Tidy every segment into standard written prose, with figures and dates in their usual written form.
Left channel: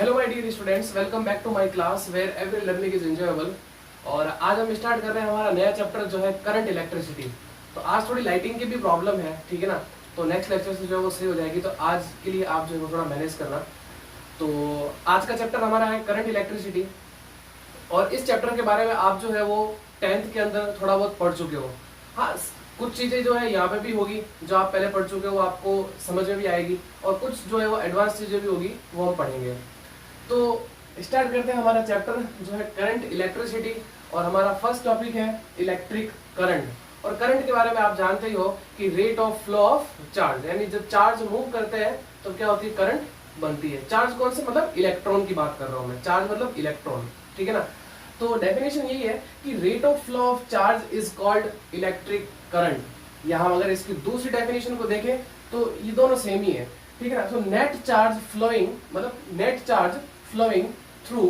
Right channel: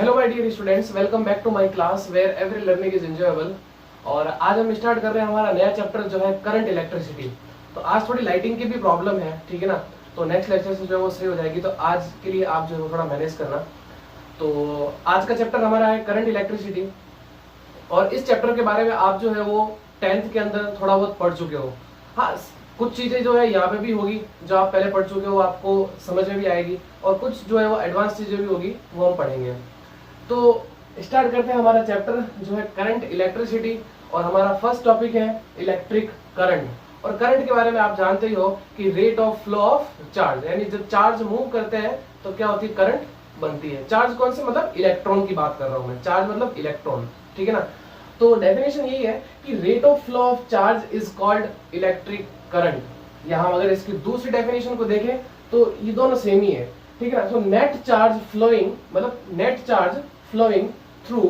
Hello my dear students, welcome back to my class where every learning is enjoyable. और आज हम start कर रहे हैं हमारा नया चैप्टर जो है करंट इलेक्ट्रिसिटी। तो आज थोड़ी लाइटिंग की भी प्रॉब्लम है, ठीक है ना। तो नेक्स्ट लेक्चर से जो है वो सही हो जाएगी। तो आज के लिए आप जो है वो थोड़ा मैनेज करना। तो आज का चैप्टर हमारा है करंट इलेक्ट्रिसिटी, और इस चैप्टर के बारे में आप जो है वो 10th के अंदर थोड़ा बहुत पढ़ चुके हो। हाँ, कुछ चीजें जो है यहाँ पे भी होगी जो आप पहले पढ़ चुके हो, आपको समझ में भी आएगी, और कुछ जो है वो एडवांस चीजें भी होगी वो हम पढ़ेंगे। तो स्टार्ट करते हैं हमारा चैप्टर जो है करंट इलेक्ट्रिसिटी, और हमारा फर्स्ट टॉपिक है इलेक्ट्रिक करंट। और करंट के बारे में आप जानते ही हो कि rate of flow of charge, यानी जब चार्ज मूव करते हैं तो क्या होती है, करंट बनती है। चार्ज कौन से, मतलब इलेक्ट्रॉन की बात कर रहा हूं मैं, चार्ज मतलब इलेक्ट्रॉन, ठीक है ना। तो डेफिनेशन यही है कि rate of flow of charge is called electric current. यहां अगर इसकी दूसरी डेफिनेशन को देखें तो ये दोनों सेम ही है, ठीक है ना। सो नेट चार्ज फ्लोइंग, मतलब net charge flowing through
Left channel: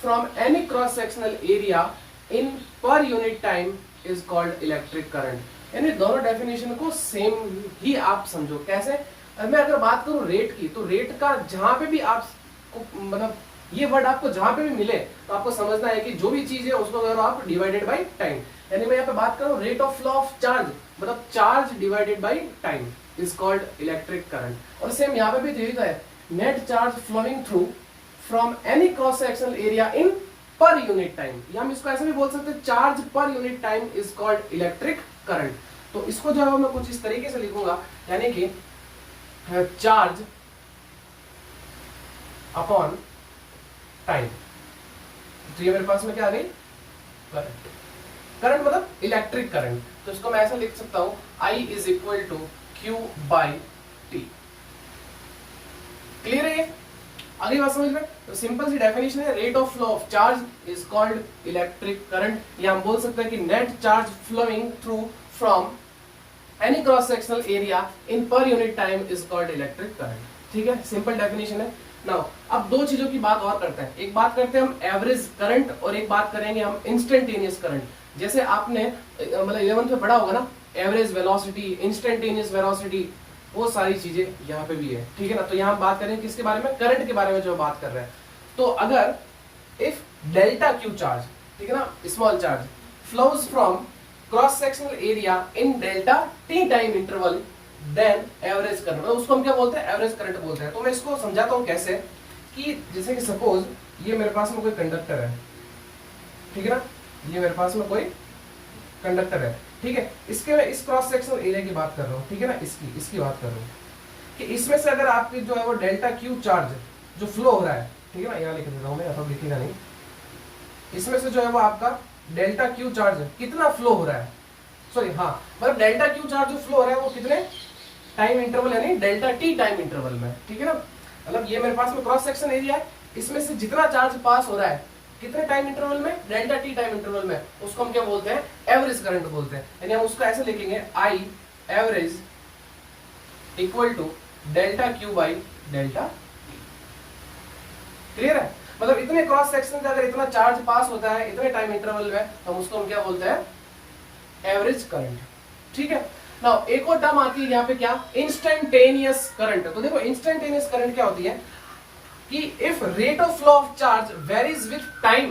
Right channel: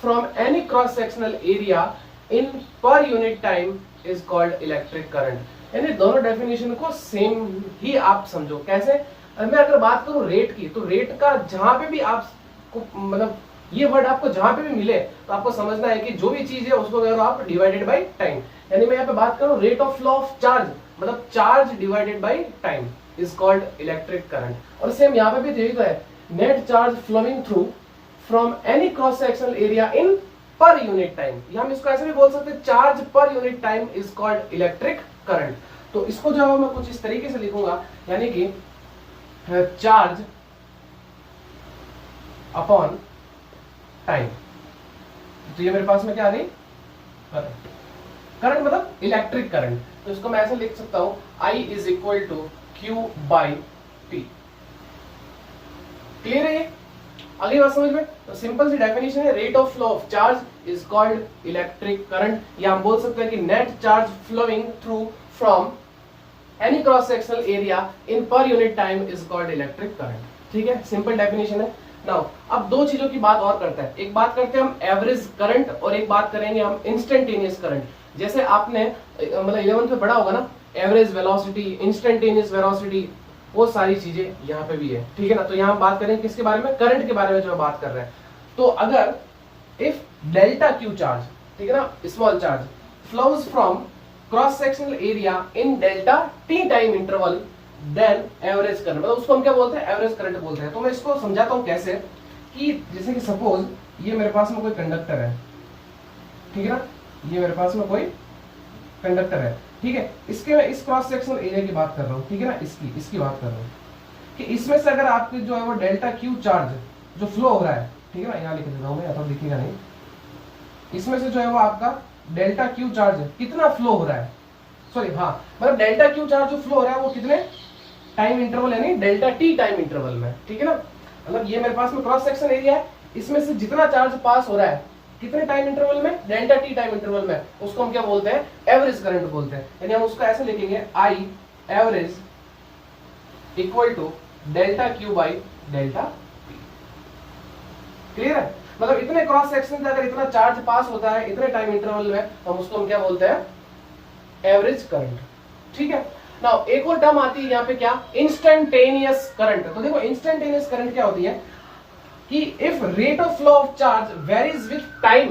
from any cross sectional area in per unit time is called electric current। यानी दोनों डेफिनेशन को सेम ही आप समझो। कैसे, मैं अगर बात करूं रेट की, तो रेट का जहां पे भी आपको, मतलब ये वर्ड आपको जहां पे भी मिले तो आपको समझना है कि जो भी चीज है उसको करो आप डिवाइडेड बाय टाइम। यानी मैं यहाँ पे बात करूं rate of flow of charge, मतलब charge divided by time is called electric current. और सेम यहाँ पे भी यही तो है, net charge flowing through from any cross sectional area in per unit time, या हम इसको ऐसे भी बोल सकते हैं, चार्ज पर unit time is called electric current. तो इसको जो है मैं कुछ इस तरीके से लिखूंगा, यानी कि चार्ज अपॉन टाइम। तो ये मेरे पास में क्या आ गई, करंट। करंट मतलब इलेक्ट्रिक करंट। तो इसको मैं ऐसे लिख सकता हूं, I is equal to Q by T. Clear है ये? अगली बात समझ में। तो सिंपल सी डेफिनेशन है, rate of flow of charge is called electric current, या हम बोल सकते हैं कि net charge flowing through from any cross sectional area in per unit time is called electric current. ठीक है, सिंपल डेफिनेशन है। नाउ अब दो चीजों की बात और करते हैं, एक बात करते हैं हम एवरेज करंट, और एक बात करेंगे हम इंस्टेंटेनियस करंट। जैसे आपने मतलब 11th में पढ़ा होगा ना, एवरेज वेलोसिटी, इंस्टेंटेनियस वेलोसिटी, वो सारी चीजें यहाँ पे भी है, ठीक है ना। तो यहाँ हम बात करेंगे किसके बारे में, करंट के बारे में जो बात कर रहे हैं। तो अगर इफ डेल्टा क्यू चार्ज, ठीक है ना, small charge flows from cross sectional area in delta T time interval, then average current, मतलब उसको हम क्या बोलते हैं, एवरेज करंट बोलते हैं। तो मैं इसको समझाता हूँ कैसे, कि जैसे कि सपोज ये मेरे पास में कोई कंडक्टर है, ठीक है ना, ये मेरे पास में कोई कंडक्टर है, ठीक है। इसके मैं इस क्रॉस सेक्शनल एरिया की बात कर रहा हूँ, ठीक है ना, इसकी बात कर रहा हूँ कि इसमें से अगर आपकी जो है वो डेल्टा क्यू चार्ज जो फ्लो हो रहा है, ठीक है ना, यहाँ लिख देता हूँ मैं, या तो दिखेगा नहीं, इसमें से जो है वो आपका डेल्टा क्यू चार्ज कितना फ्लो हो रहा है, सॉरी हाँ, मतलब डेल्टा क्यू चार्ज जो फ्लो हो रहा है वो कितने टाइम इंटरवल, यानी डेल्टा टी टाइम इंटरवल में, ठीक है ना। मतलब ये मेरे पास में क्रॉस सेक्शन एरिया है, इसमें से जितना चार्ज पास हो रहा है कितने टाइम इंटरवल में, डेल्टा टी टाइम इंटरवल में, उसको हम क्या बोलते हैं, एवरेज करंट बोलते हैं। यानी हम उसको ऐसे लिखेंगे, I average equal to delta Q by delta T. Clear है? मतलब इतने क्रॉस सेक्शन से अगर इतना चार्ज पास होता है इतने टाइम इंटरवल में, तो हम उसको हम क्या बोलते हैं, एवरेज करंट। ठीक है। नाउ एक और टर्म आती है यहाँ पे, क्या, इंस्टेंटेनियस करंट। तो देखो इंस्टेंटेनियस करंट क्या होती है कि if rate of flow of charge varies with time,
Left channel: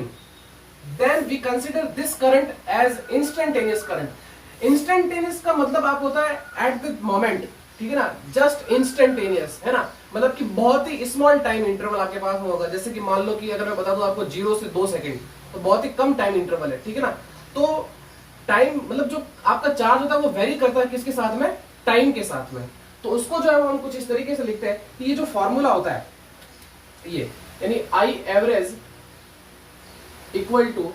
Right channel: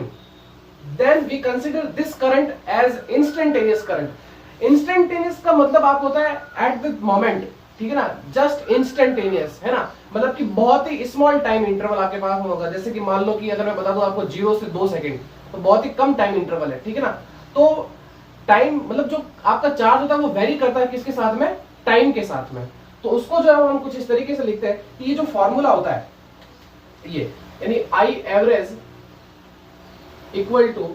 then we consider this current as instantaneous current. Instantaneous का मतलब आप होता है एट द मोमेंट, ठीक है ना, जस्ट इंस्टेंटेनियस, है ना, मतलब कि बहुत ही स्मॉल टाइम इंटरवल आपके पास में होगा। जैसे कि मान लो कि अगर मैं बता दूं आपको 0 से 2 सेकंड, तो बहुत ही कम टाइम इंटरवल है, ठीक है ना। तो टाइम मतलब जो आपका चार्ज होता है वो वेरी करता है किसके साथ में, टाइम के साथ में। तो उसको जो है हम कुछ इस तरीके से लिखते हैं कि ये जो फॉर्मूला होता है ये, यानी I average equal to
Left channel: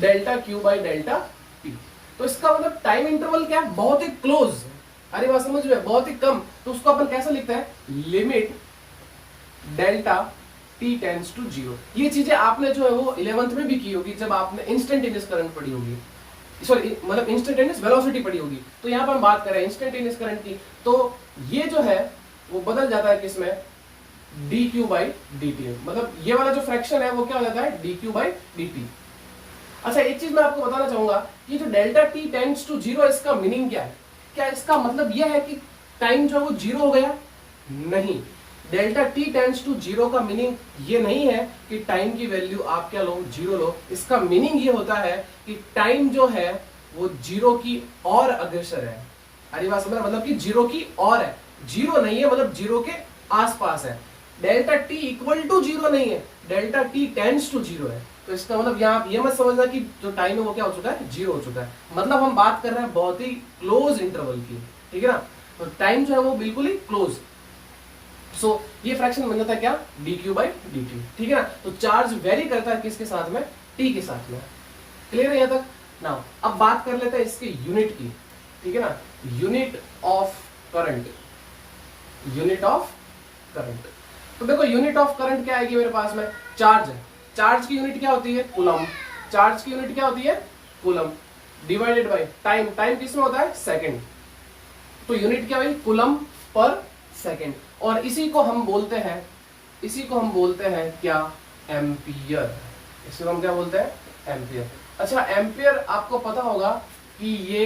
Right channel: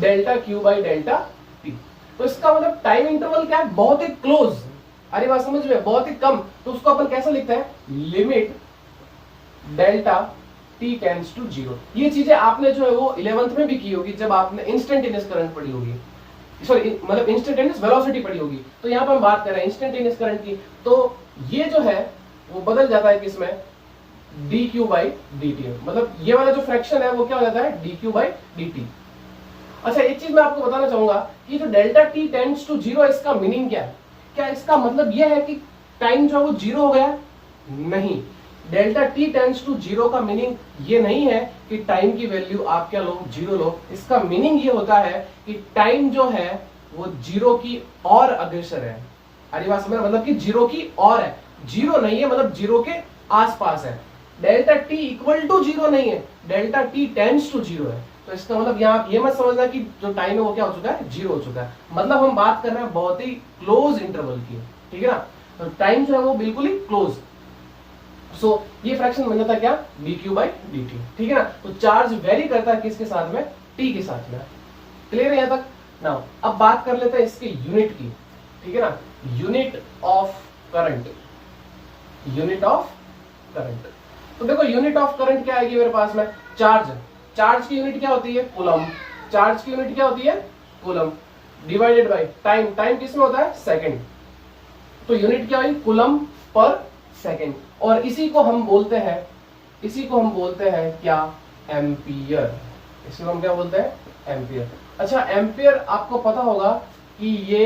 delta Q by delta T. तो इसका मतलब टाइम इंटरवल क्या है, बहुत ही क्लोज, अरे बात समझ में, बहुत ही कम। तो उसको अपन कैसे लिखते हैं, limit delta T tends to 0। ये चीजें आपने जो है वो 11th में भी की होगी जब आपने इंस्टेंटेनियस करंट पढ़ी होगी, सॉरी मतलब इंस्टेंटेनियस वेलोसिटी पढ़ी होगी। तो यहाँ पर हम बात कर रहे हैं इंस्टेंटेनियस करंट की, तो ये जो है वो बदल जाता है किसमें, D Q by D T. मतलब ये वाला जो फ्रैक्शन है वो क्या हो जाता है, D Q by D T. अच्छा एक चीज मैं आपको बताना चाहूंगा कि जो डेल्टा टी टेंड्स टू 0, इसका मीनिंग क्या है, क्या इसका मतलब यह है कि टाइम जो है वो 0 हो गया, नहीं। Delta T tends to zero का मीनिंग ये नहीं है कि टाइम की वैल्यू आप क्या लो, जीरो लो। इसका मीनिंग ये होता है कि टाइम जो है वो जीरो की और अग्रसर है। अरे बात समझ, मतलब कि जीरो की और है, जीरो नहीं है, मतलब जीरो के आसपास है। Delta T equal to zero नहीं है, delta T tends to zero है। तो इसका मतलब यहाँ ये मत समझना कि जो टाइम है वो क्या हो चुका है, जीरो हो चुका है। मतलब हम बात कर रहे हैं बहुत ही क्लोज इंटरवल की, ठीक है ना। तो टाइम जो है वो बिल्कुल ही क्लोज। सो ये फ्रैक्शन बन जाता है क्या, dq बाई dt, ठीक है ना। तो चार्ज वेरी करता है किसके साथ में, t के साथ में। क्लियर है यहाँ तक। नाउ अब बात कर लेते हैं इसके यूनिट की, ठीक है ना। Unit of current, unit of current. तो देखो यूनिट ऑफ करंट क्या आएगी मेरे पास में, चार्ज। चार्ज की यूनिट क्या होती है, कूलम। चार्ज की यूनिट क्या होती है, coulomb, divided by time. Time किसमें होता है, सेकंड। तो यूनिट क्या हुई, कूलम पर सेकंड। और इसी को हम बोलते हैं, इसी को हम बोलते हैं क्या, एम्पियर। इसको हम क्या बोलते हैं, एम्पियर। अच्छा, एम्पियर आपको पता होगा कि ये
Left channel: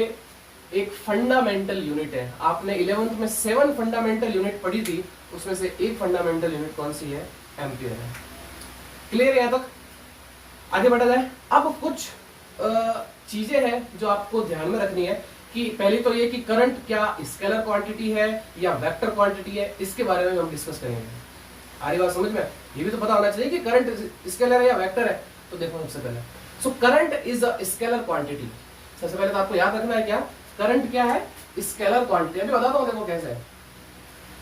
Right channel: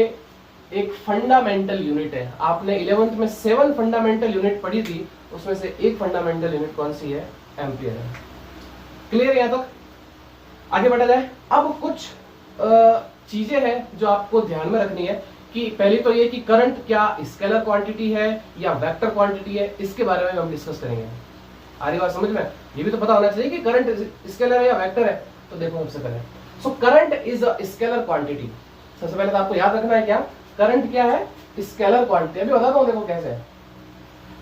एक फंडामेंटल यूनिट है। आपने 11th में 7 फंडामेंटल यूनिट पढ़ी थी, उसमें से एक फंडामेंटल यूनिट कौन सी है, एम्पियर है। क्लियर है। तक आगे बढ़ा जाए। अब कुछ चीजें हैं जो आपको ध्यान में रखनी है कि पहली तो ये कि करंट क्या स्केलर क्वांटिटी है या वेक्टर क्वांटिटी है, इसके बारे में हम डिस्कस करेंगे। आ रही बात समझ में, ये भी तो पता होना चाहिए कि करंट स्केलर है या वेक्टर है। तो देखो सबसे पहले, so current is a scalar quantity. सबसे पहले तो आपको याद रखना है क्या, करंट क्या है, स्केलर क्वांटिटी। अभी बताता हूं देखो कैसे है।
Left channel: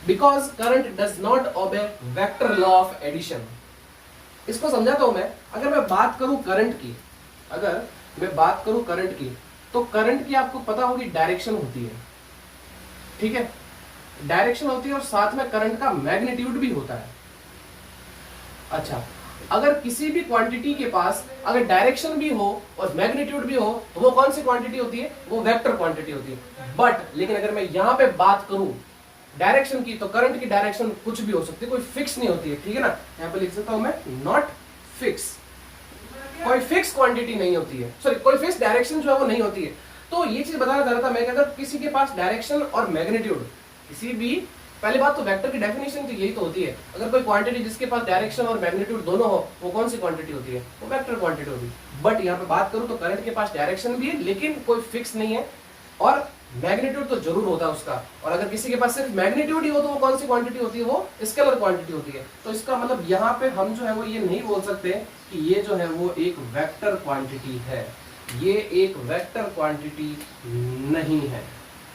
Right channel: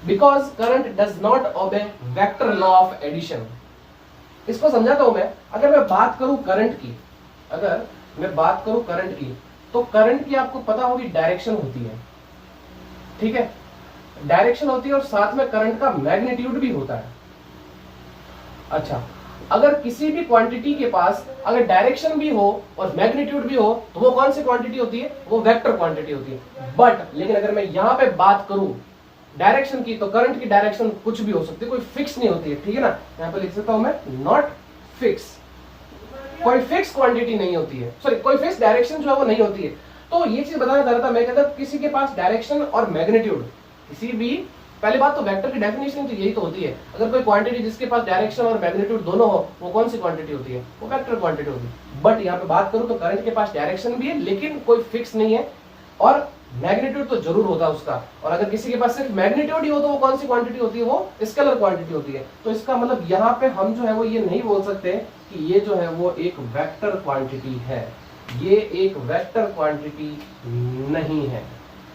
Because current does not obey vector law of addition. इसको समझाता हूं मैं। अगर मैं बात करूं करंट की, अगर मैं बात करूं करंट की, तो करंट की आपको पता होगी डायरेक्शन होती है, ठीक है, डायरेक्शन होती है और साथ में करंट का मैग्नीट्यूड भी होता है। अच्छा, अगर किसी भी क्वांटिटी के पास अगर डायरेक्शन भी हो और मैग्नीट्यूड भी हो तो वो कौन सी क्वांटिटी होती है, वो वेक्टर क्वांटिटी होती है। बट लेकिन अगर मैं यहां पे बात करूं डायरेक्शन की, तो करंट की डायरेक्शन कुछ भी हो सकती है, कोई फिक्स नहीं होती है, ठीक है ना। यहां पे लिख सकता हूं मैं, नॉट फिक्स। कोई फिक्स क्वांटिटी नहीं होती है, सॉरी कोई फिक्स डायरेक्शन जो है वो नहीं होती है। तो ये चीज बताना चाह रहा था मैं, कहता किसी के पास डायरेक्शन और मैग्नीट्यूड, किसी भी, पहली बात तो वेक्टर की डेफिनेशन तो यही तो होती है, अगर कोई क्वांटिटी जिसके पास डायरेक्शन और मैग्नीट्यूड दोनों हो, वो कौन सी क्वांटिटी होती है, वो वेक्टर क्वांटिटी होती है। बट यहाँ पे बात करूं तो करंट के पास डायरेक्शन भी है लेकिन कोई फिक्स नहीं है, और मैग्नीट्यूड तो जरूर होता है उसका। और अगर किसी के पास सिर्फ मैग्नीट्यूड ही हो तो वो कौन सी क्वांटिटी होती है, वो स्केलर क्वांटिटी होती है। तो इसका मतलब यहाँ पे हम जो है वो ये नहीं बोल सकते कि ये जो है वो एक वेक्टर क्वांटिटी है, ये एक वेक्टर क्वांटिटी नहीं है,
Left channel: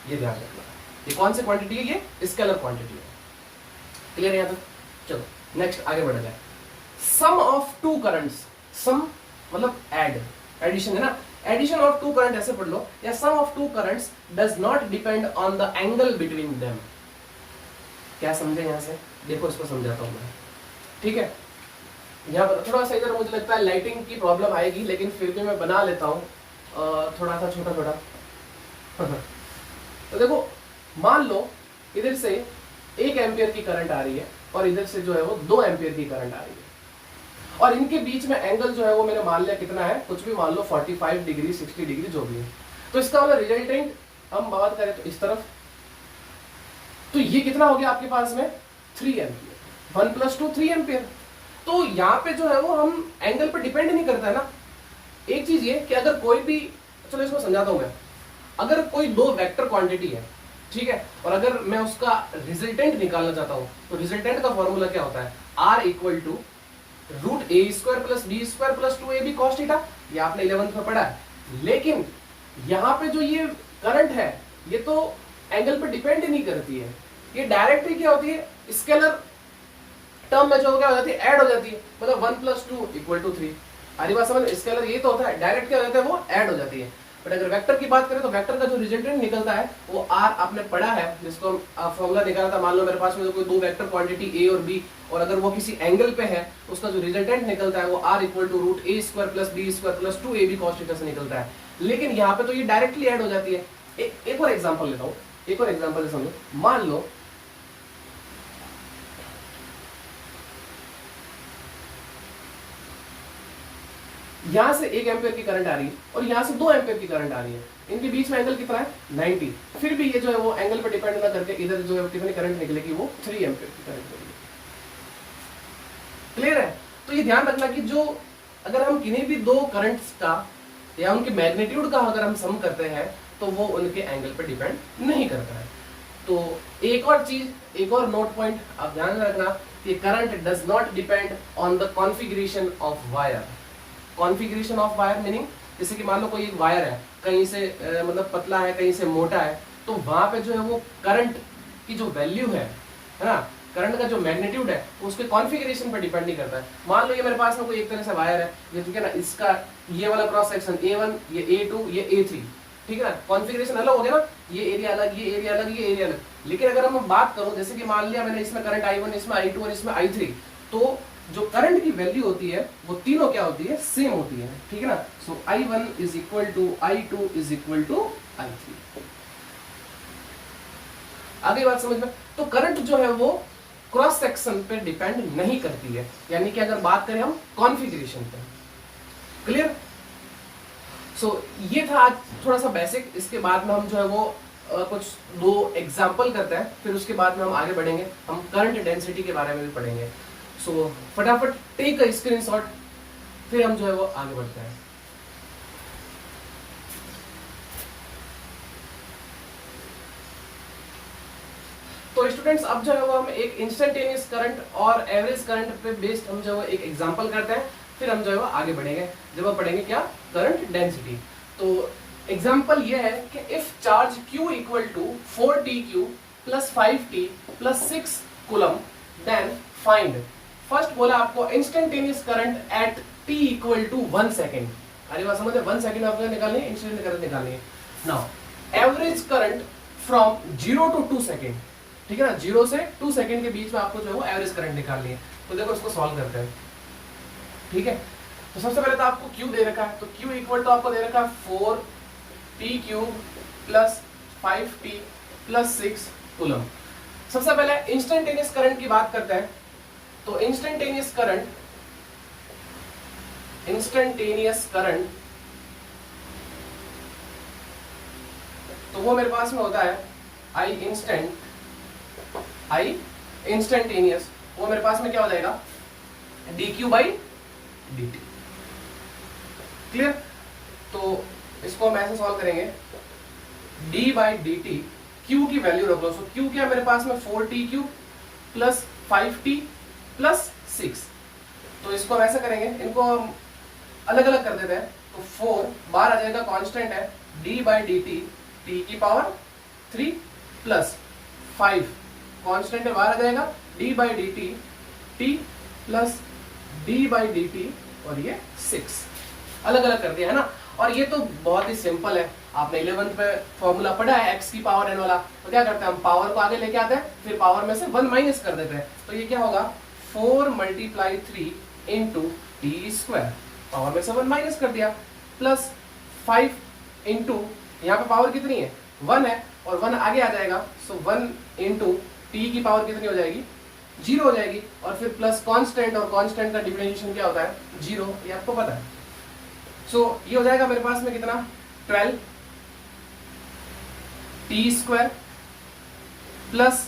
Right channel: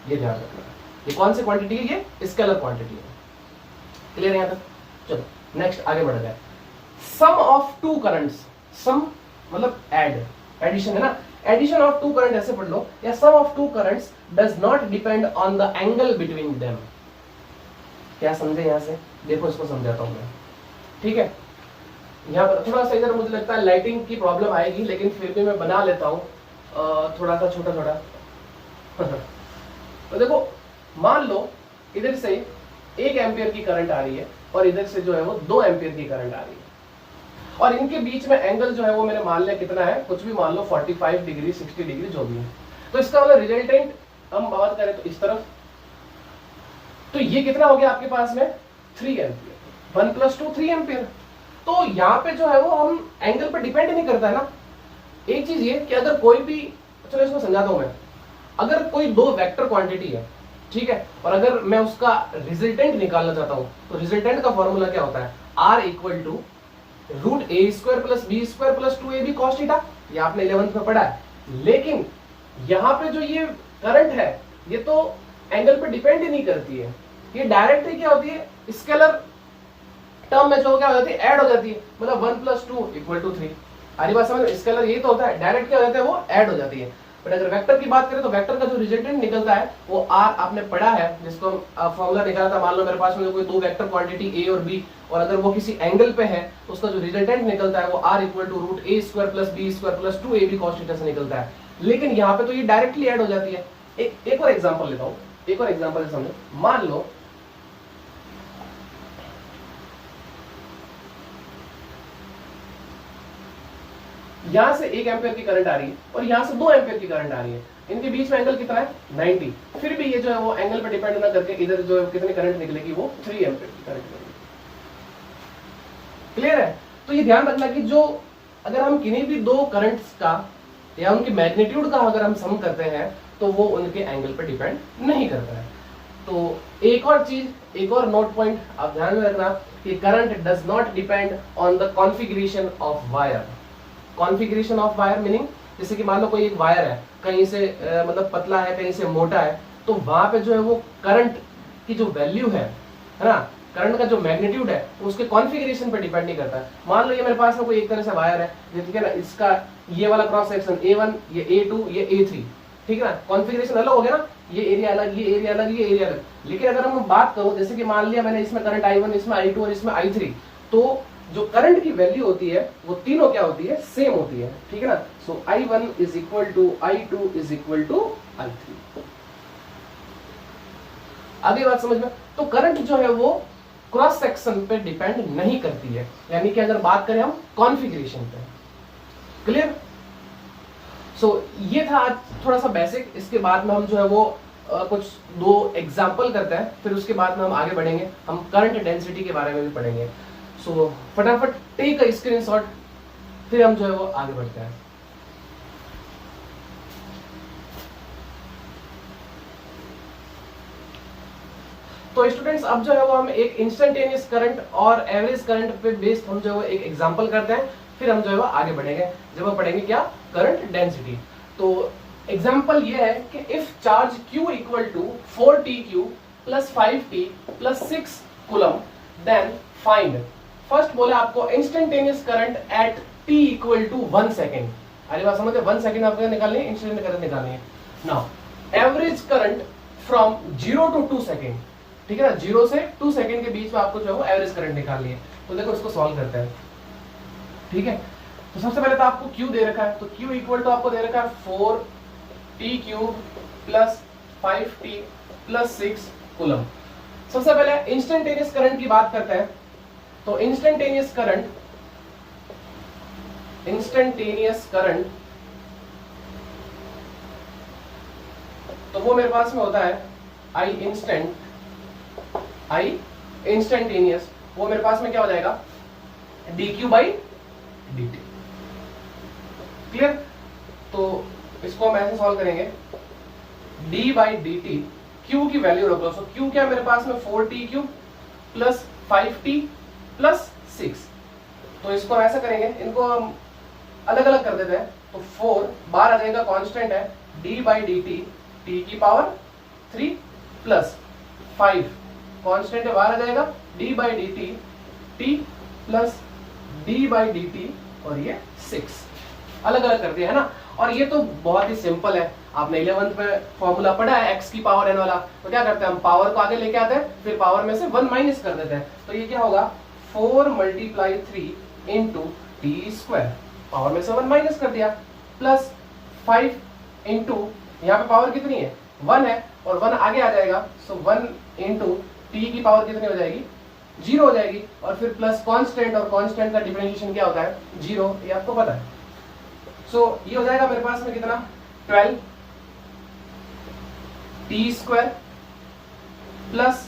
ये ध्यान रखना। ये कौन सी क्वांटिटी है, ये स्केलर क्वांटिटी है। क्लियर है यहाँ तक। चलो नेक्स्ट आगे बढ़ जाए। सम ऑफ टू करंट्स, सम मतलब एड, एडिशन है ना, एडिशन ऑफ टू करंट ऐसे पढ़ लो, या sum of two currents does not depend on the angle between them. क्या समझे यहां से, देखो इसको समझाता हूं मैं, ठीक है। यहाँ पर थोड़ा सा इधर मुझे लगता है लाइटिंग की प्रॉब्लम आएगी, लेकिन फिर भी मैं बना लेता हूँ थोड़ा सा छोटा छोटा। तो देखो मान लो इधर से 1 एम्पियर की करंट आ रही है और इधर से जो है वो 2 एम्पियर की करंट आ रही है, और इनके बीच में एंगल जो है वो मैंने मान लिया कितना है, कुछ भी मान लो 45 डिग्री 60 डिग्री जो भी है। तो इसका मतलब रिजल्टेंट हम बात करें तो इस तरफ, तो ये कितना हो गया आपके पास में 3 एम्पियर, 1 + 2 3 एम्पियर। तो यहाँ पे जो है वो हम एंगल पर डिपेंड नहीं करता है ना। एक चीज ये कि अगर कोई भी, चलो इसको समझाता हूं मैं, अगर कोई 2 वेक्टर क्वांटिटी है, ठीक है, और अगर मैं उसका रिजल्टेंट निकालना चाहता हूं तो रिजल्टेंट का फॉर्मूला क्या होता है, R = √a² + b² + 2ab cos theta. ये आपने 11th में पढ़ा है। लेकिन यहाँ पे जो ये करंट है ये तो एंगल पे डिपेंड ही नहीं करती है, ये डायरेक्ट ही क्या होती है, स्केलर टर्म में जो क्या हो जाती है, ऐड हो जाती है। मतलब 1 + 2 = 3। हरी बात समझ, स्केलर ये तो होता है, डायरेक्ट क्या हो जाता है, वो ऐड हो जाती है। बट अगर वेक्टर की बात करें तो वेक्टर का जो रिजल्टेंट निकलता है वो R आपने पढ़ा है, जिसको हम फॉर्मूला निकाला था। मान लो मेरे पास में कोई 2 वेक्टर क्वांटिटी A और B, और अगर वो किसी एंगल पे है तो उसका जो रिजल्टेंट निकलता है वो R = √a² + b² + 2ab cos theta से निकलता है। लेकिन यहाँ पे तो ये डायरेक्टली ऐड हो जाती है। एक और एग्जाम्पल लेता हूँ, एक और एग्जाम्पल से समझो। मान लो यहां से 1 एम्पियर की करंट आ रही है और यहां से 2 एम्पियर की करंट आ रही है, इनके बीच में एंगल कितना है, 90। फिर भी ये जो है वो एंगल पे डिपेंड ना करके इधर जो है कितनी करंट निकलेगी, वो 3 एम्पियर की करंट निकलेगी। क्लियर है? तो ये ध्यान रखना कि जो अगर हम किन्हीं भी दो करंट्स का या उनके मैग्नीट्यूड का अगर हम सम करते हैं तो वो उनके एंगल पर डिपेंड नहीं करता है। तो एक और चीज, एक और नोट पॉइंट आप ध्यान में रखना कि current does not depend on the configuration of wire. Configuration of wire meaning जैसे कि मान लो कोई एक वायर है, कहीं से मतलब पतला है, कहीं से मोटा है, तो वहां पे जो है वो करंट की जो वैल्यू है ना, करंट का जो मैग्नीट्यूड है वो उसके कॉन्फ़िगरेशन पर डिपेंड नहीं करता है। मान लो ये मेरे पास में कोई एक तरह से वायर है, ठीक है ना, इसका ये वाला क्रॉस सेक्शन A1, ये A2, ये A3, ठीक है ना, कॉन्फ़िगरेशन अलग हो गया ना, ये एरिया अलग, ये एरिया अलग, ये एरिया अलग। लेकिन अगर हम बात करो जैसे कि मान लिया मैंने इसमें करंट I1, इसमें I2 और इसमें I3, तो जो करंट की वैल्यू होती है वो तीनों क्या होती है, सेम होती है, ठीक है ना। So I1 is equal to I2 is equal to I3। आगे बात समझ में? तो करंट जो है वो क्रॉस सेक्शन पे डिपेंड नहीं करती है, यानी कि अगर बात करें हम कॉन्फ़िगरेशन पे। क्लियर? सो ये था आज थोड़ा सा बेसिक। इसके बाद में हम जो है वो कुछ दो एग्जाम्पल करते हैं, फिर उसके बाद में हम आगे बढ़ेंगे, हम करंट डेंसिटी के बारे में भी पढ़ेंगे। सो फटाफट टेक अ स्क्रीनशॉट, फिर हम जो है वो आगे बढ़ते हैं। तो स्टूडेंट्स अब जो है वो हम एक इंस्टेंटेनियस करंट और एवरेज करंट पे बेस्ड हम जो है वो एक एग्जांपल करते हैं, फिर हम जो है वो आगे बढ़ेंगे जब हम पढ़ेंगे क्या, करंट डेंसिटी। तो एग्जांपल ये है कि if charge Q equal to 4TQ plus 5T plus 6 coulomb then find. First बोला आपको instantaneous current at T equal to 1 second. अरे बात समझे, 1 सेकेंड आपको निकालनी है, इंस्टेंट करंट निकालनी है। Now average current from 0 to 2 second, ठीक है ना, 0 से 2 सेकेंड के बीच में आपको जो है वो एवरेज करंट निकालनी है। तो देखो इसको सॉल्व करते हैं, ठीक है। तो सबसे पहले तो आपको Q दे रखा है, तो Q इक्वल टू आपको दे रखा है 4TQ plus 5T plus 6 coulomb. सबसे पहले इंस्टेंटेनियस करंट की बात करते हैं। तो इंस्टेंटेनियस करंट तो वो मेरे पास में होता है I इंस्टेंटेनियस, वो मेरे पास में क्या हो जाएगा, dQ बाई dt। क्लियर? तो इसको हम ऐसे सॉल्व करेंगे, d बाई dt, Q की वैल्यू रख लो। सो Q क्या है मेरे पास में, 4TQ प्लस 5T प्लस 6। तो इसको हम ऐसे करेंगे, इनको हम अलग अलग कर देते हैं। तो 4 बाहर आ जाएगा, कांस्टेंट है, d बाई dt t की पावर 3 प्लस 5 कांस्टेंट है, बाहर आ जाएगा, d by dt t plus d by dt और ये 6 अलग अलग कर दिया है ना। और ये तो बहुत ही सिंपल है, आपने 11th में फॉर्मूला पढ़ा है x की पावर n वाला। तो क्या करते हैं हम, पावर को आगे लेके आते हैं, फिर पावर में से 1 माइनस कर देते हैं। तो ये क्या होगा, 4 multiply 3 into T square, power में से 1 माइनस कर दिया, प्लस 5 इंटू यहाँ पे पावर कितनी है, 1 है, और 1 आगे आ जाएगा। सो 1 इंटू टी की पावर कितनी हो जाएगी, 0 हो जाएगी, और फिर प्लस कांस्टेंट, और कांस्टेंट का डिफरेंशिएशन क्या होता है, 0, ये आपको पता है। सो ये हो जाएगा मेरे पास में कितना, 12 टी स्क्वायर प्लस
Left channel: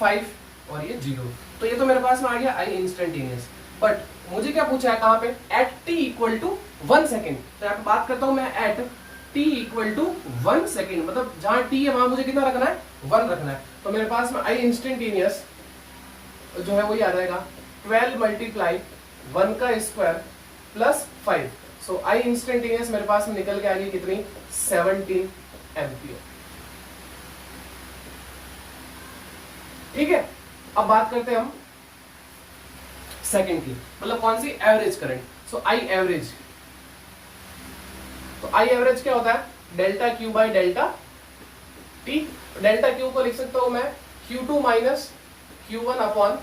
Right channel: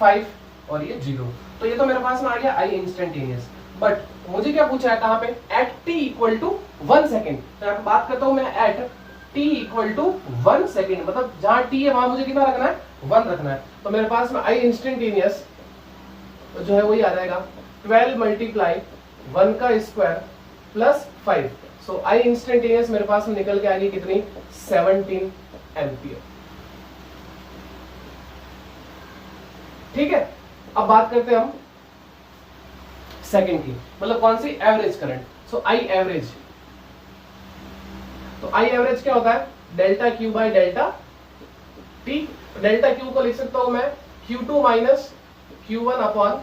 5 और ये 0। तो ये तो मेरे पास में आ गया आई इंस्टेंटेनियस। बट मुझे क्या पूछा है, कहां पे, at T equal to 1 second. तो यहाँ पे बात करता हूं मैं at T equal to 1 second, मतलब जहां टी है वहां मुझे कितना रखना है, 1 रखना है। तो मेरे पास में आई इंस्टेंटेनियस जो है वही आ जाएगा 12 मल्टीप्लाई 1 का स्क्वायर प्लस 5। सो आई इंस्टेंटेनियस मेरे पास में निकल के आ गई कितनी, 17 एम्पियर। ठीक है, अब बात करते हैं हम सेकंड की, मतलब कौन सी, average current. So I average, तो आई एवरेज क्या होता है, delta Q by delta T. Delta Q को लिख सकता हूं मैं Q2 minus Q1 upon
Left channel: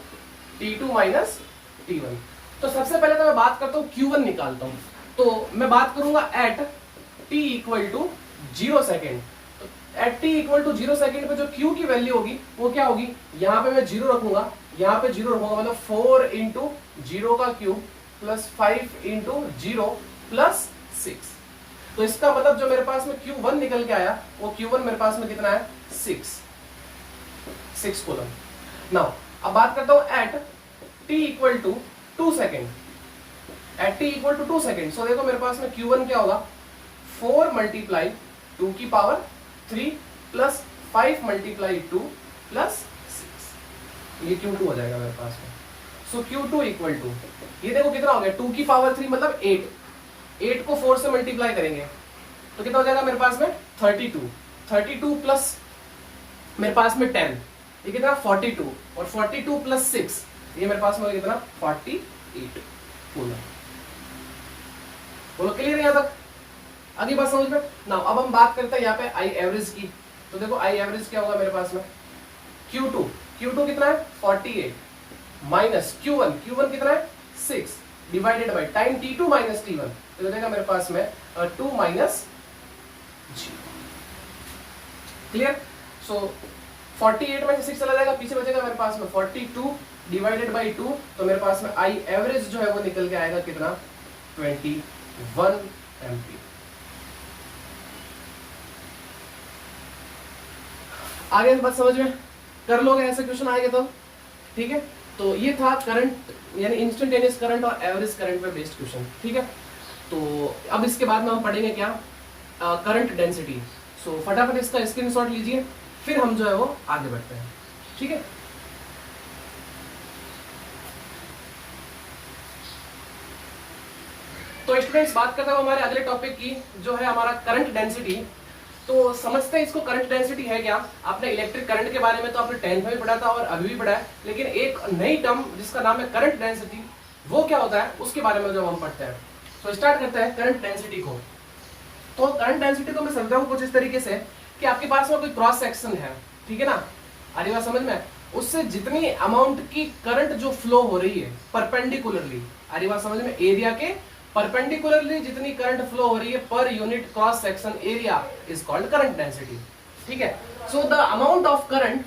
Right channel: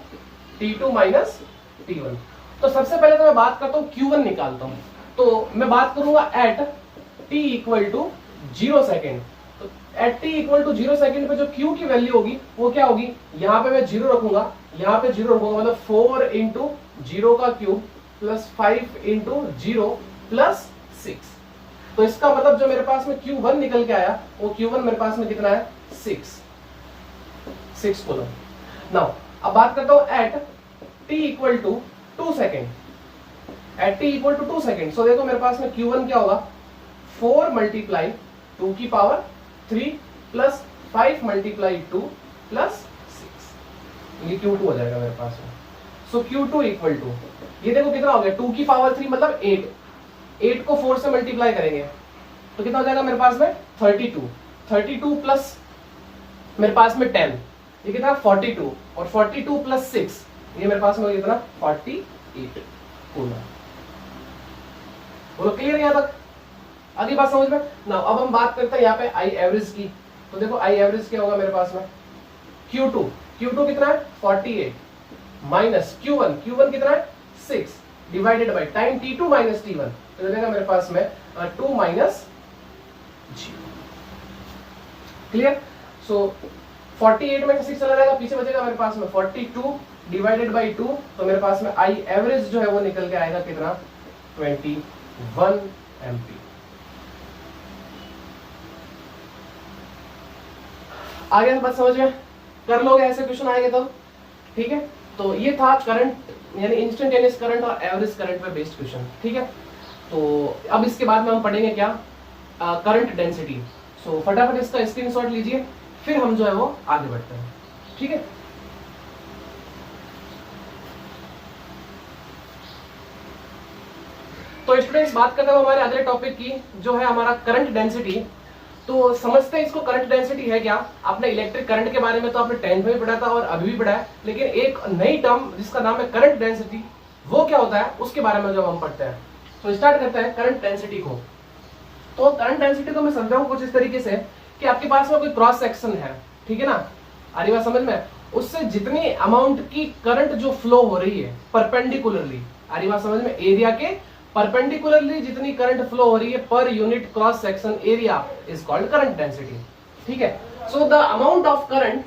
T2 minus T1। तो सबसे पहले तो मैं बात करता हूं Q1 निकालता हूं। तो मैं बात करूंगा at T equal to 0 second. तो at T equal to 0 second पे जो Q की वैल्यू होगी वो क्या होगी, यहां पे मैं 0 रखूंगा, यहां पे 0 रखूंगा, मतलब 4 इंटू 0 का क्यूब प्लस 5 इंटू 0 प्लस 6। तो इसका मतलब जो मेरे पास में Q1 निकल के आया, वो Q1 मेरे पास में कितना है, 6 कूलम। नाउ अब बात करता हूं at T equal to 2 second, at T equal to 2 second. So देखो मेरे पास में Q1 क्या होगा, 4 मल्टीप्लाई 2 की पावर 3 प्लस 5 मल्टीप्लाई 2 प्लस 6, ये Q2 हो जाएगा मेरे पास में। सो Q2 इक्वल टू, ये देखो कितना हो गया, 2 की पावर 3 मतलब 8, 8 को 4 से मल्टीप्लाई करेंगे तो कितना हो जाएगा मेरे पास में 32, 32 प्लस मेरे पास में 10, ये कितना 42, और 42 प्लस 6 ये मेरे पास में कितना 48 कूलम। बोलो क्लियर यहाँ तक, अगली बात समझ में ना। अब हम बात करते हैं यहाँ पे आई एवरेज की। तो देखो आई एवरेज क्या होगा मेरे पास में, Q2 कितना है 48 माइनस Q1 कितना है 6 divided by time T2 minus T1, तो हो जाएगा मेरे पास में 2 माइनस 0। क्लियर। सो 48 में से 6 चला जाएगा, पीछे बचेगा मेरे पास में 42 डिवाइडेड बाई 2, तो मेरे पास में आई एवरेज जो है वो निकल के आएगा कितना 21 एम्पीयर। आगे बात समझ में कर लोगे, ऐसे क्वेश्चन आएंगे तो ठीक है। तो ये था करंट यानी इंस्टेंटेनियस करंट और एवरेज करंट पर बेस्ड क्वेश्चन, ठीक है। तो अब इसके बाद में हम पढ़ेंगे क्या, करंट डेंसिटी। सो फटाफट इसका स्क्रीनशॉट लीजिए, फिर हम जो है वो आगे बढ़ते हैं, ठीक है। तो स्टूडेंट्स बात करते हैं हमारे अगले टॉपिक की, जो है हमारा करंट डेंसिटी। तो समझते हैं इसको, करंट डेंसिटी है क्या। आपने इलेक्ट्रिक करंट के बारे में तो आपने 10th में भी पढ़ा था और अभी भी पढ़ा है, लेकिन एक नई टर्म जिसका नाम है करंट डेंसिटी, वो क्या होता है उसके बारे में जब हम पढ़ते हैं। तो स्टार्ट करते हैं करंट डेंसिटी को। तो करंट डेंसिटी को मैं समझाऊं कुछ इस तरीके से कि आपके पास में कोई क्रॉस सेक्शन है, ठीक है ना, आ रही बात समझ में, उससे जितनी अमाउंट की करंट जो फ्लो हो रही है परपेंडिकुलरली, आ रही बात समझ में, एरिया के परपेंडिकुलरली जितनी करंट फ्लो हो रही है per unit cross section area is called current density, ठीक है। So the amount of current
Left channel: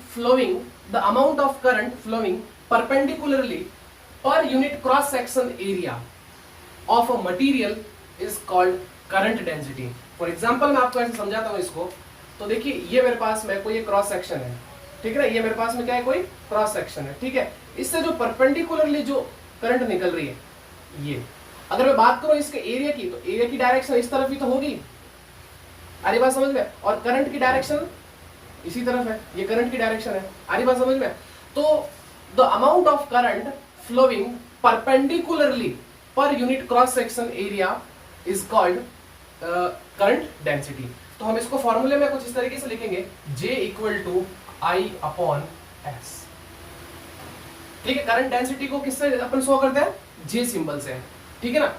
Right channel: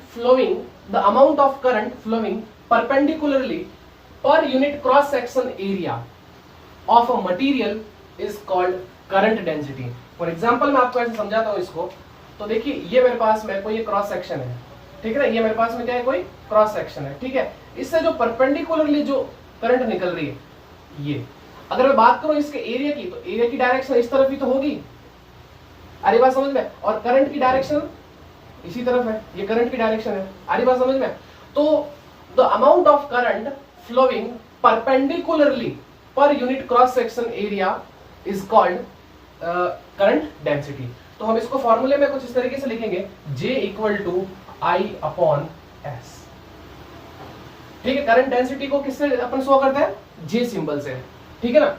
flowing perpendicularly per unit cross section area of a material is called current density. For example मैं आपको ऐसे समझाता हूं इसको। तो देखिए ये मेरे पास में कोई क्रॉस सेक्शन है, ठीक है ना, ये मेरे पास में क्या है, कोई क्रॉस सेक्शन है, ठीक है। इससे जो परपेंडिकुलरली जो करंट निकल रही है, ये अगर मैं बात करूं इसके एरिया की, तो एरिया की डायरेक्शन इस तरफ ही तो होगी, आ रही बात समझ में, और करंट की डायरेक्शन इसी तरफ है, ये करंट की डायरेक्शन है, आ रही बात समझ में। तो the amount of current flowing perpendicularly per unit cross section area is called current density. तो हम इसको फॉर्मूले में कुछ इस तरीके से लिखेंगे, J equal to I upon S, ठीक है। करंट डेंसिटी को किससे अपन शो करते हैं, J सिंबल से, ठीक है ना।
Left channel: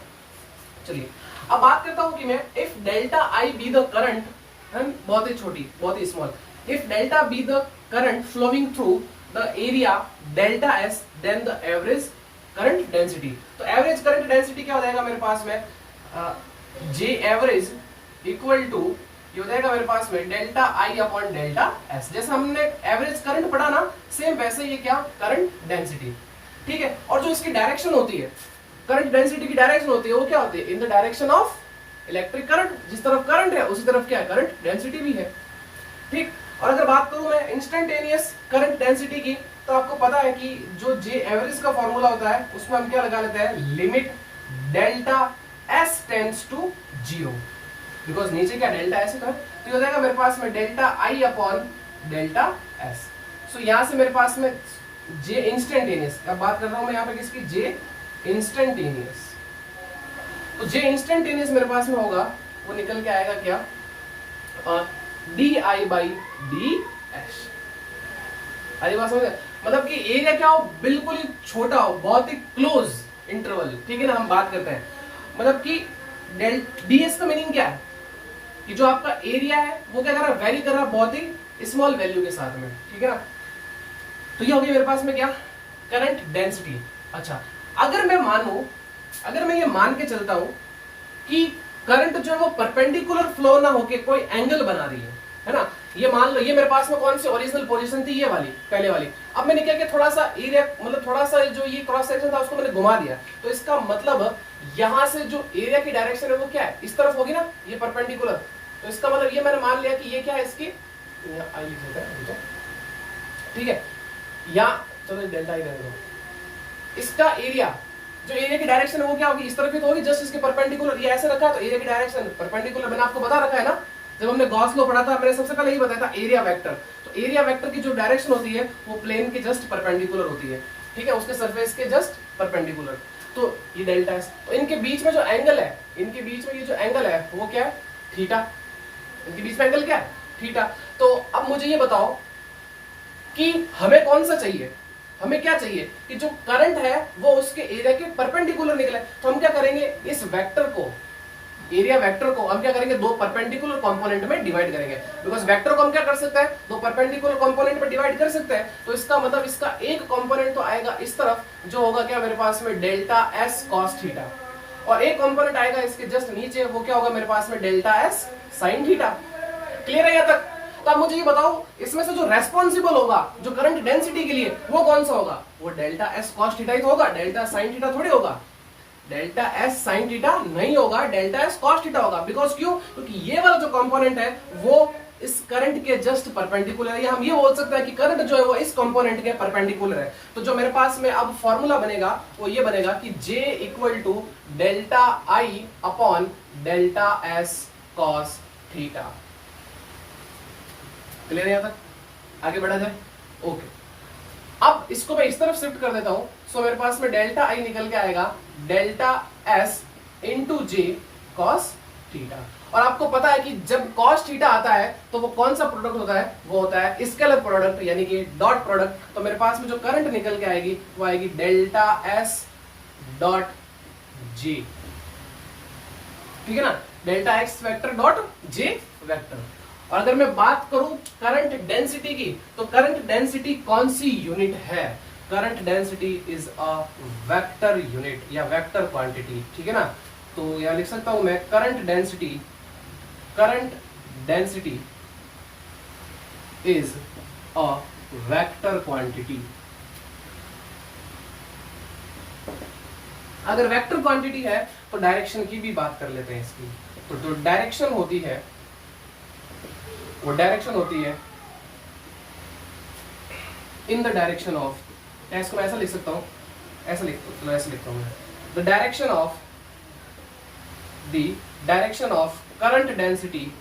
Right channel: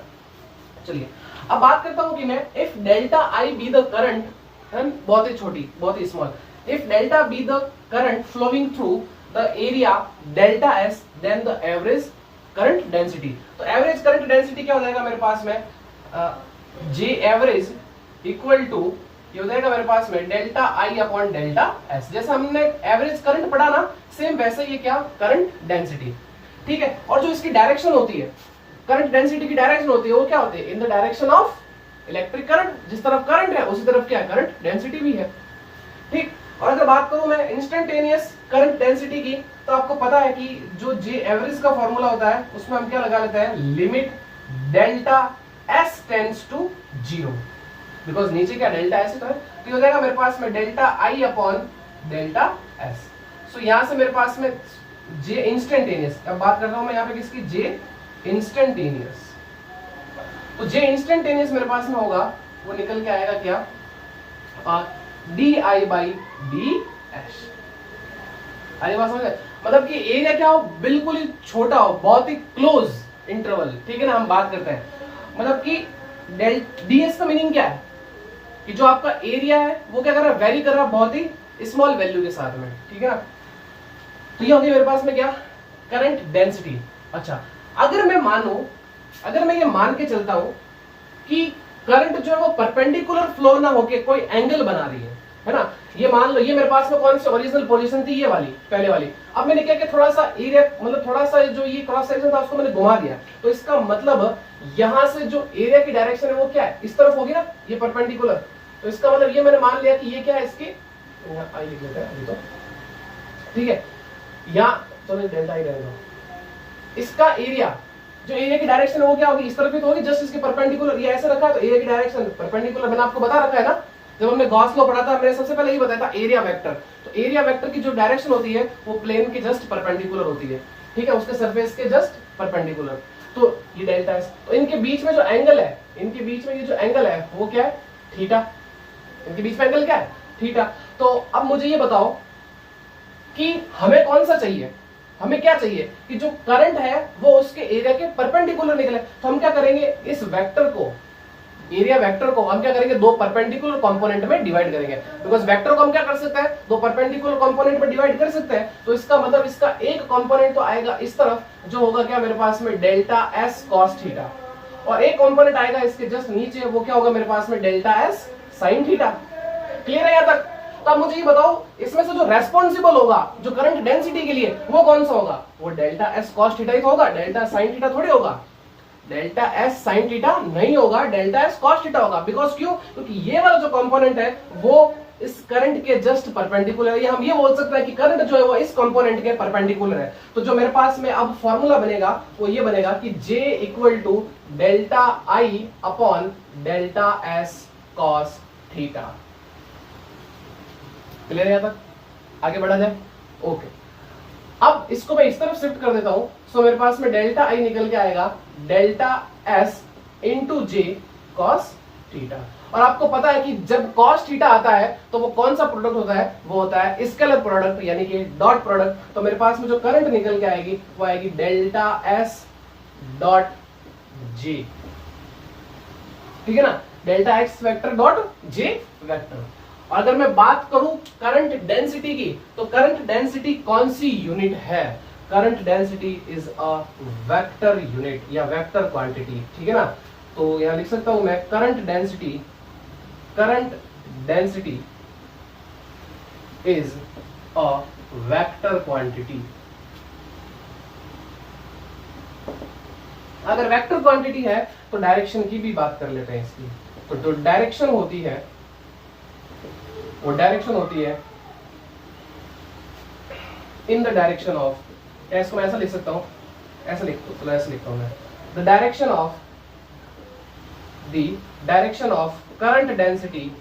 चलिए अब बात करता हूं कि मैं if delta I be the current, बहुत ही छोटी, बहुत ही small, if delta be the current flowing through the area delta S, then the average current density. तो एवरेज करंट डेंसिटी क्या हो जाएगा मेरे पास में, J एवरेज इक्वल टू ये हो जाएगा मेरे पास में delta I upon delta S. जैसे हमने एवरेज करंट पढ़ा ना, सेम वैसे ही क्या करंट डेंसिटी, ठीक है। और जो इसकी डायरेक्शन होती है, करंट डेंसिटी की डायरेक्शन होती है, वो क्या होती है, in the direction of electric current. जिस तरफ करंट है उसी तरफ क्या है, करंट डेंसिटी भी है, ठीक। और अगर बात करूं मैं इंस्टेंटेनियस करंट डेंसिटी की, तो आपको पता है कि जो J एवरेज का फॉर्मूला होता है उसमें हम क्या लगा लेते हैं, limit delta S tends to 0, because नीचे क्या डेल्टा एस तो है, तो ये हो जाएगा मेरे पास में delta I upon delta S. So यहां से मेरे पास में J इंस्टेंटेनियस, अब बात कर रहा हूं मैं यहाँ पे किसकी, J इंस्टेंटेनियस। तो J इंस्टेंटेनियस मेरे पास में होगा, वो निकल के आएगा क्या, D I by D S. आइए बात समझ, मतलब कि एरिया क्या हो, बिल्कुल ही छोटा हो, बहुत ही क्लोज इंटरवल, ठीक है ना। हम बात करते हैं मतलब कि डी एस का मीनिंग क्या है, कि जो आपका एरिया है वो क्या कर रहा है, वेरी कर रहा है बहुत ही स्मॉल वैल्यू के साथ में, ठीक है ना। तो ये हो गया मेरे पास में क्या, करंट डेंसिटी। अच्छा, अगर मैं ये मान के चलता हूं कि करंट जो है वो परपेंडिकुलर फ्लो ना होके कोई एंगल बना रही है ना, ये मान लो ये मेरे पास में कौन सी ओरिजिनल पोजीशन थी, ये वाली पहले वाली। अब मैंने क्या किया, थोड़ा सा एरिया मतलब थोड़ा सा जो ये क्रॉस सेक्शन था उसको मैंने घुमा दिया, तो इसका मतलब यहां से जो एरिया की डायरेक्शन है वो क्या है, इस तरफ होगी ना, ये परपेंडिकुलर। तो इसका मतलब ये मैंने मान लिया कि ये क्या है, इसकी आई लिख लेते हैं तो, ठीक है। यहाँ चलो डेल्टा ही रहने दो, इसका एरिया जो एरिया की डायरेक्शन है वो क्या होगी, इस तरफ ही तो होगी, जस्ट इसके परपेंडिकुलर। ये ऐसे रखा है तो एरिया की डायरेक्शन परपेंडिकुलर, मैंने आपको बता रखा है ना, जब हमने गॉस लॉ पढ़ा था मैंने सबसे पहले ही बताया था एरिया वेक्टर। तो एरिया वेक्टर की जो डायरेक्शन होती है वो प्लेन के जस्ट परपेंडिकुलर होती है, ठीक है, उसके सरफेस के जस्ट परपेंडिकुलर। तो ये डेल्टा एस, तो इनके बीच में जो एंगल है, इनके बीच में ये जो एंगल है वो क्या है, थीटा। इनके बीच में एंगल क्या है, थीटा। तो अब मुझे ये बताओ कि हमें कौन सा चाहिए, हमें क्या चाहिए कि जो करंट है वो उसके एरिया के परपेंडिकुलर निकले। तो हम क्या करेंगे, इस वेक्टर को, एरिया वेक्टर को हम क्या करेंगे, दो परपेंडिकुलर कंपोनेंट में डिवाइड करेंगे। बिकॉज वेक्टर को हम क्या कर सकते हैं, दो परपेंडिकुलर कंपोनेंट में डिवाइड कर सकते हैं। तो इसका मतलब इसका एक कंपोनेंट तो आएगा इस तरफ, जो होगा क्या मेरे पास में डेल्टा एस कॉस थीटा, और एक कंपोनेंट आएगा इसके जस्ट नीचे, वो क्या होगा मेरे पास में delta S sine theta. Clear है यहां तक? तो अब मुझे ये बताओ, इसमें से जो रेस्पॉन्सिबल होगा जो करंट डेंसिटी के लिए, वो कौन सा होगा, वो डेल्टा एस कॉस थीटा ही तो होगा, डेल्टा साइन थीटा थोड़ी होगा। डेल्टा एस साइन थीटा नहीं होगा, डेल्टा एस कॉस थीटा होगा। बिकॉज क्यों, क्योंकि ये वाला जो कंपोनेंट है वो इस करंट के जस्ट परपेंडिकुलर है। हम ये बोल सकते हैं कि करंट जो है वो इस कंपोनेंट के परपेंडिकुलर है। तो जो मेरे पास में अब फॉर्मूला बनेगा वो ये बनेगा कि J equal to delta I upon delta S cos theta. Clear है यहां तक? आगे बढ़ा जाए। ओके, अब इसको मैं इस तरफ शिफ्ट कर देता हूं। सो मेरे पास में डेल्टा आई निकल के आएगा डेल्टा एस इंटू जे कॉस थीटा। और आपको पता है कि जब कॉस थीटा आता है तो वो कौन सा प्रोडक्ट होता है, वो होता है स्केलर प्रोडक्ट, यानी कि डॉट प्रोडक्ट। तो मेरे पास में जो करंट निकल के आएगी वो आएगी डेल्टा एस डॉट जे, ठीक है ना, delta x vector dot J vector. और अगर मैं बात करूं करंट डेंसिटी की, तो करंट डेंसिटी कौन सी यूनिट है, current density is a vector unit या वेक्टर क्वांटिटी, ठीक है ना। तो यहां लिख सकता हूं मैं current density is a vector quantity. अगर वेक्टर क्वांटिटी है तो डायरेक्शन की भी बात कर लेते हैं इसकी। तो जो डायरेक्शन होती है वो डायरेक्शन होती है इन द डायरेक्शन ऑफ, इसको मैं ऐसा लिख सकता हूं, ऐसा लिखता हूं मैं, the direction of current density,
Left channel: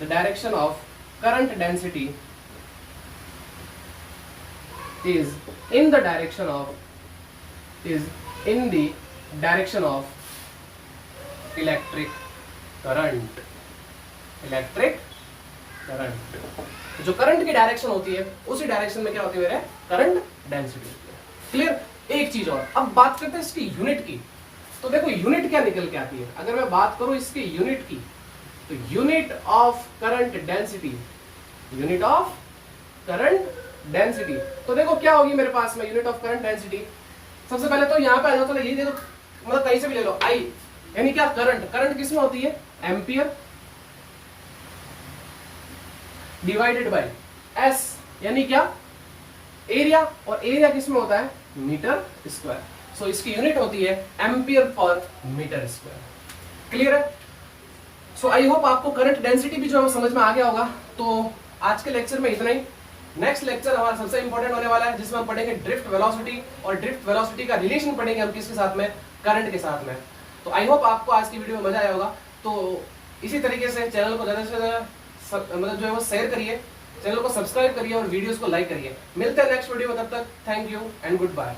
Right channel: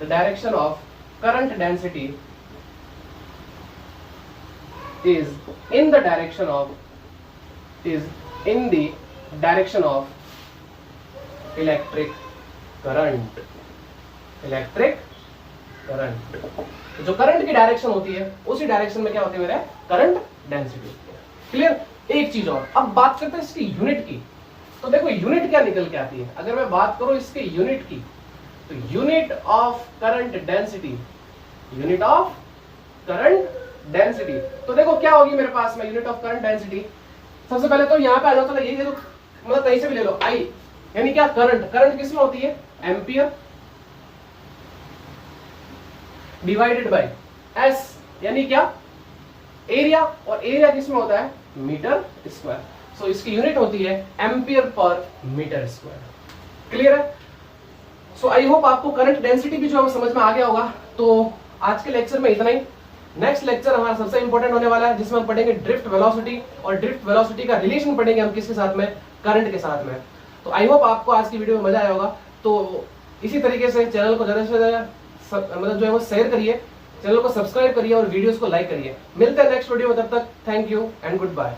the direction of current density is in the direction of electric current। तो जो करंट की डायरेक्शन होती है उसी डायरेक्शन में क्या होती है मेरे करंट डेंसिटी। क्लियर? एक चीज और, अब बात करते हैं इसकी यूनिट की। तो देखो यूनिट क्या निकल के आती है, अगर मैं बात करूं इसके यूनिट की, तो unit of current density, unit of current density, तो देखो क्या होगी मेरे पास में यूनिट ऑफ करंट डेंसिटी। सबसे पहले तो यहां पे आ जाओ, तो यही दे दो, मतलब कहीं से भी ले लो, आई यानी क्या, करंट किसमें होती है, एम्पियर डिवाइडेड बाय एस यानी क्या, एरिया, और एरिया किसमें होता है, मीटर स्क्वायर। सो इसकी यूनिट होती है ampere per metre square. Clear है? सो आई होप आपको करंट डेंसिटी भी जो है समझ में आ गया होगा। तो आज के लेक्चर में इतना ही। नेक्स्ट लेक्चर हमारा सबसे इंपॉर्टेंट होने वाला है, जिसमें हम पढ़ेंगे ड्रिफ्ट वेलोसिटी, और ड्रिफ्ट वेलोसिटी का रिलेशन पढ़ेंगे हम किसके साथ में, करंट के साथ में। तो आई होप आपको आज की वीडियो में मजा आया होगा। तो इसी तरीके से चैनल को ज्यादा से ज्यादा मतलब जो है वो शेयर करिए, चैनल को सब्सक्राइब करिए और वीडियोस को लाइक करिए। मिलते हैं नेक्स्ट वीडियो में, तब तक thank you and good bye.